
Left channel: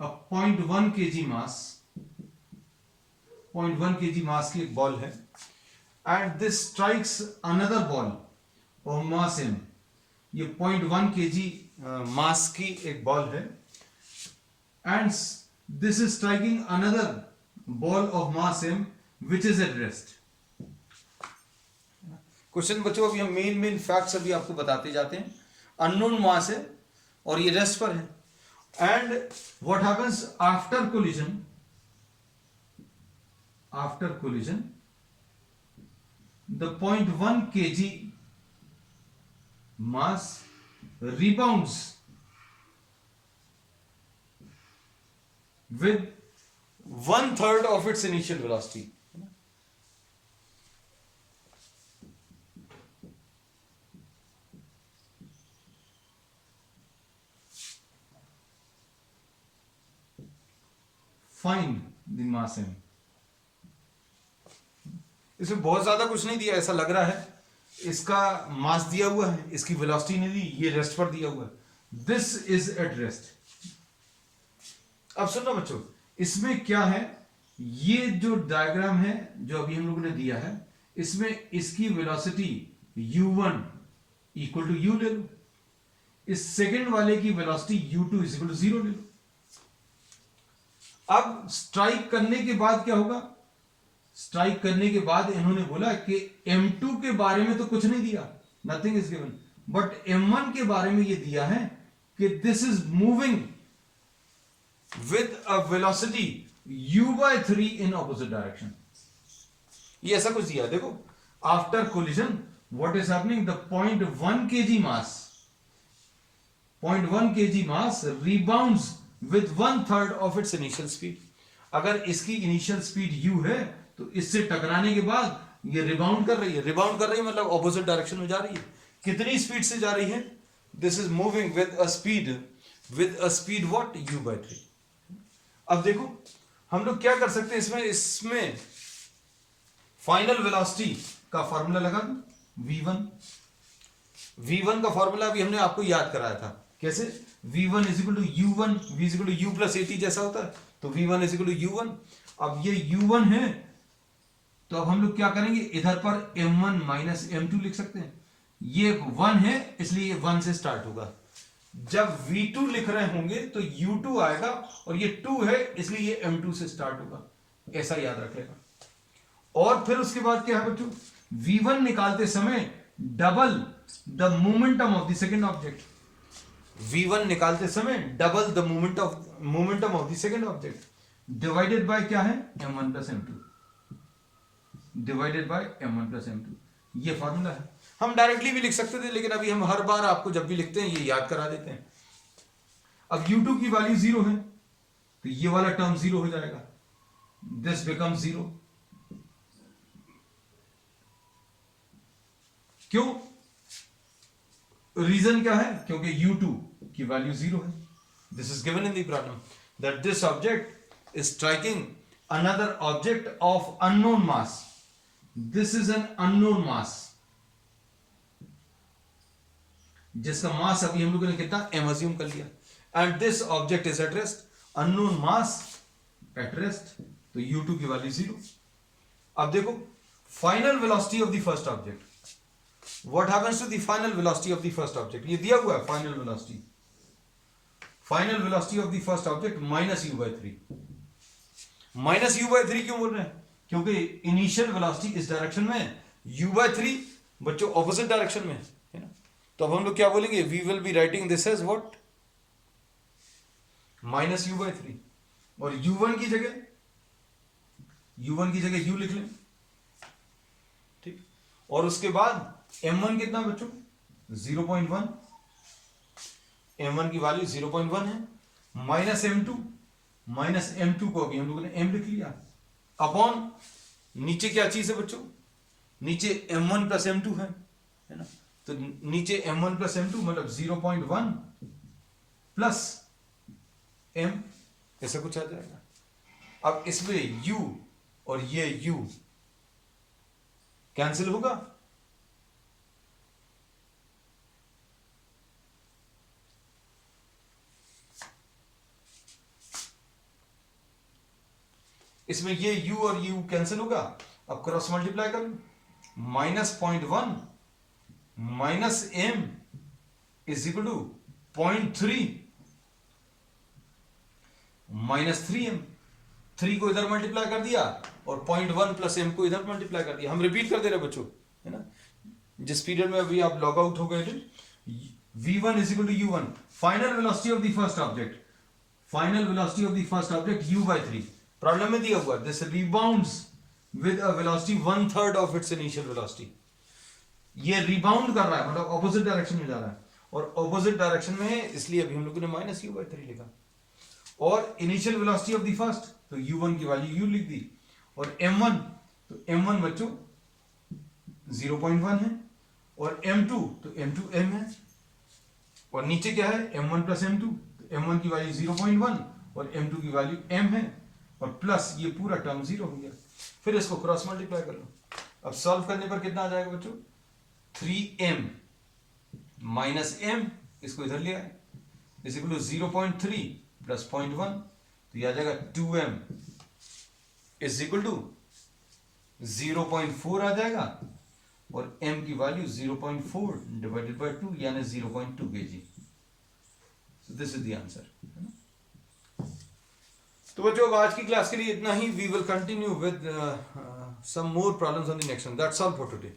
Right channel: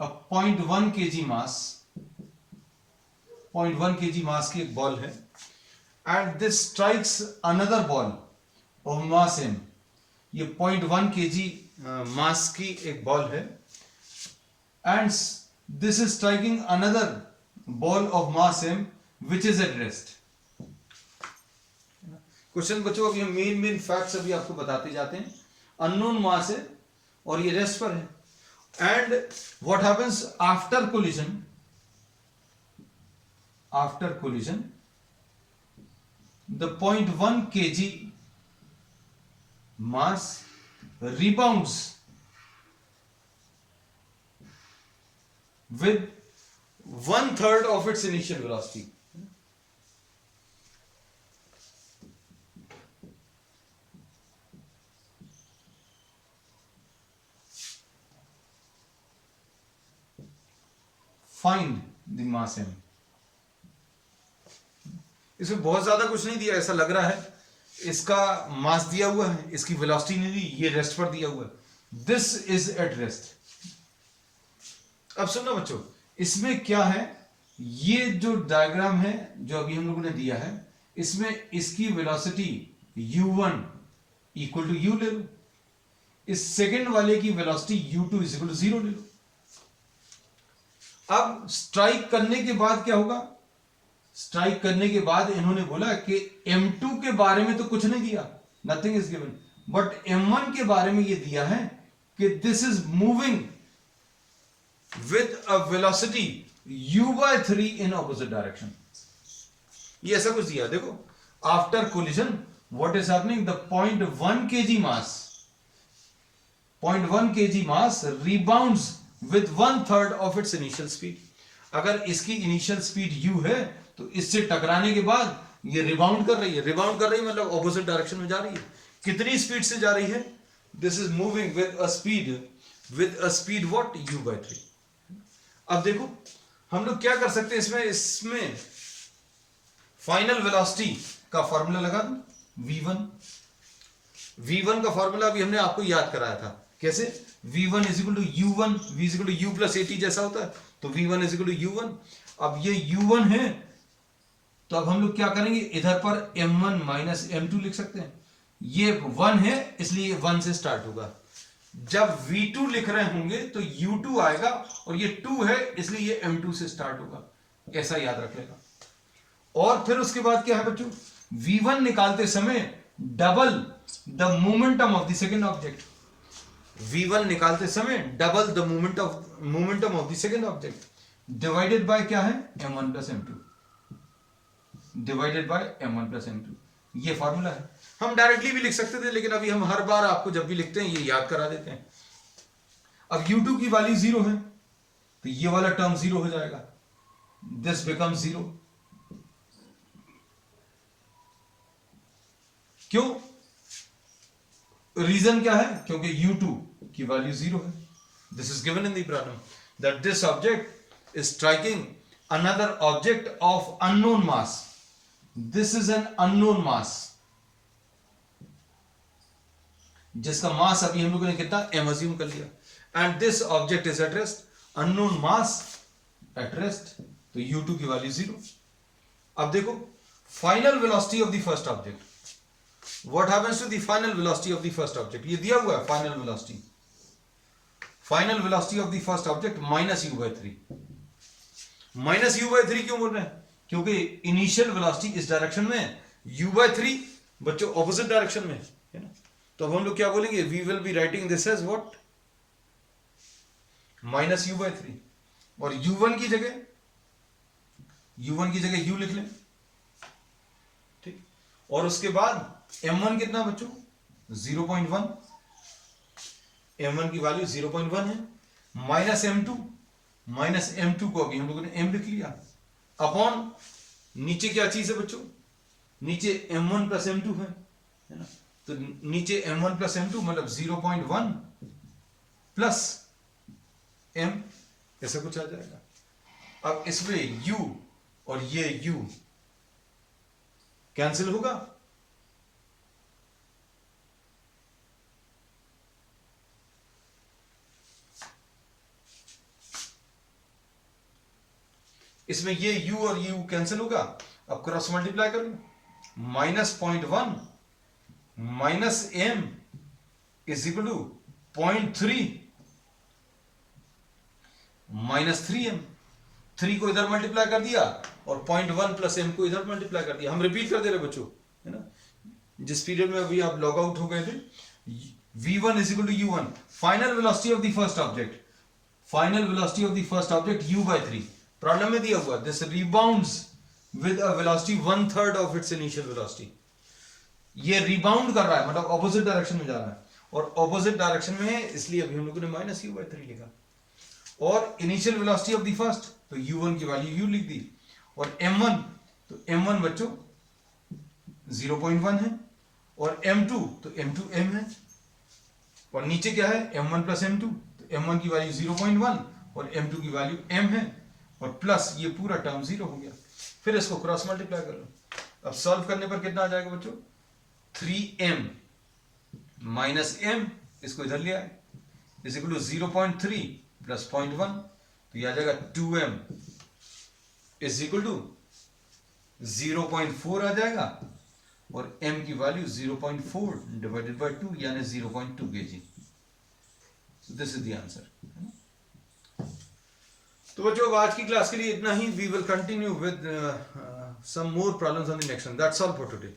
a 0.1 kg mass, 0.1 kg मास की एक बॉल है, and this strikes another ball of mass m। ये 0.1 kg मास की एक बॉल है, and this is striking another ball of mass m which is at rest। Question बच्चों अभी हम मेन फैक्ट्स अभी आपको बताते जाते हैं। अननोन मास है और ये रेस्ट पर है, and what happens after collision, after collision the 0.1 kg mass rebounds with 1/3 of its initial velocity। Find the mass m। इसमें बहुत ज्यादा कुछ नहीं दिया, ऐसा लग रहा है इसका मास दिया हुआ है, इसकी वेलोसिटी नहीं दी, ये रेस्ट पर दिया हुआ है। This is at rest. अब सुनना बच्चों, इसमें क्या है, ये जो डायग्राम है जो अभी हम लोगों ने दिया है, इसमें इसकी velocity u1 equal to u ले लो, इस सेकंड वाले की velocity u2 is equal to 0 ले लो। अब स्ट्राइक करने के बाद क्या होगा, स्ट्राइक करने के बाद इन्होंने बोला कि M2 के बारे में तो कुछ नहीं दिया, nothing is given, but M1 के बारे में ये दिया है कि this is moving with a velocity u/3 in opposite direction. ये ऐसा कुछ दिया, देखो after collision what is happening, the 0.1 kg mass, 0.1 kg mass rebounds with 1/3 of its initial speed. अगर इसकी इनिशियल स्पीड u है तो इससे टकराने के बाद ये रिबाउंड कर रही है, रिबाउंड कर रही है मतलब ऑपोजिट डायरेक्शन में जा रही है। कितनी स्पीड से जा रही है, this is moving with a speed what u/3। अब देखो हम लोग क्या कर सकते हैं इसमें फाइनल वेलोसिटी का फॉर्मूला लगा दूं, v1 का फॉर्मूला अभी हमने आपको याद कराया था, कैसे v1 is equal to u1, v is equal to u plus at जैसा होता है, तो v1 is equal to u1। अब ये u1 है तो अब हम लोग क्या करेंगे, इधर पर m1 माइनस m2 लिख सकते हैं। ये 1 है इसलिए 1 से स्टार्ट होगा। जब v2 लिख रहे होंगे तो u2 आएगा और ये 2 है इसलिए ये m2 से स्टार्ट होगा, ऐसा याद रख लेगा। और फिर उसके बाद क्या है बच्चों, v1 निकालते समय double the momentum of the second object, v1 निकालते समय double the momentum of the second object divided by क्या है, m1 plus m2, divided by m1 plus m2। ये फॉर्मूला है। हम डायरेक्टली भी लिख सकते थे लेकिन अभी हम हर बार आपको जब भी लिखते हैं ये याद करा देते हैं। अब u2 की वैल्यू 0 है तो ये वाला टर्म 0 हो जाएगा, दिस बिकम 0। क्यों, रीजन क्या है, क्योंकि u2 की वैल्यू 0 है। This is given in the problem that this object is striking another object of unknown mass. This is an unknown mass जिसका मास अभी हम लोगों ने कितना m assume कर लिया, and this object is at rest, unknown mass at rest, तो u2 की वैल्यू 0। अब देखो final velocity of the first object, what happens to the final velocity of the first object, ये दिया हुआ है final velocity of the first object minus u/3। Minus u/3 क्यों बोल रहे हैं, क्योंकि इनिशियल वेलोसिटी इस डायरेक्शन में, u/3 बच्चों ऑपोजिट डायरेक्शन में है ना। तो अब हम लोग क्या बोलेंगे, we will be writing this as what, minus u/3, और u1 की जगह u लिख लें, ठीक। और उसके बाद m1 कितना बच्चों 0.1, m1 की वैल्यू 0.1 है, माइनस m2 को अभी हम लोगों ने m लिख लिया, अपॉन नीचे क्या चीज है बच्चों, नीचे m1 प्लस m2 है ना। तो नीचे m1 प्लस m2 मतलब 0.1 प्लस m, ऐसा कुछ आ जाएगा। अब इसमें u और ये u कैंसिल होगा, इसमें ये u और u कैंसिल होगा। अब क्रॉस मल्टीप्लाई कर लो, -0.1 minus m is equal to 0.3 minus 3m, 3 को इधर मल्टीप्लाई कर दिया और 0.1 प्लस m को इधर मल्टीप्लाई कर दिया। हम रिपीट कर दे रहे बच्चों, है ना, जिस पीरियड में अभी आप लॉग आउट हो गए थे। v1 is equal to u1, final velocity of the first object u/3। Problem में दिया हुआ this rebounds with a velocity 1/3 of its initial velocity. ये रिबाउंड कर रहा है मतलब ऑपोजिट डायरेक्शन में जा रहा है, और ऑपोजिट डायरेक्शन में है इसलिए अभी हम लोगों ने माइनस u/3 लिखा। और initial velocity of the first, तो u1 की वैल्यू u लिख दी, और m1, तो m1 बच्चों 0.1 है, और m2 तो m2 m है, और नीचे क्या है m1 प्लस m2, तो m1 की वैल्यू 0.1 और m2 की वैल्यू m है, और प्लस ये पूरा टर्म 0 हो गया। फिर इसको क्रॉस मल्टीप्लाई कर लो। अब सॉल्व करने पर कितना आ जाएगा बच्चों, 3m माइनस m, इसको इधर ले आए, इज इक्वल टू 0.3 प्लस 0.1, तो ये आ जाएगा 2m इज इक्वल टू 0.4 आ जाएगा, और m की वैल्यू 0.4 डिवाइडेड बाय 2 यानी 0.2 kg। So this is the answer, है ना। तो बच्चों आज की क्लास के लिए इतना ही। We will continue with some more problems on the next one. That's all for today.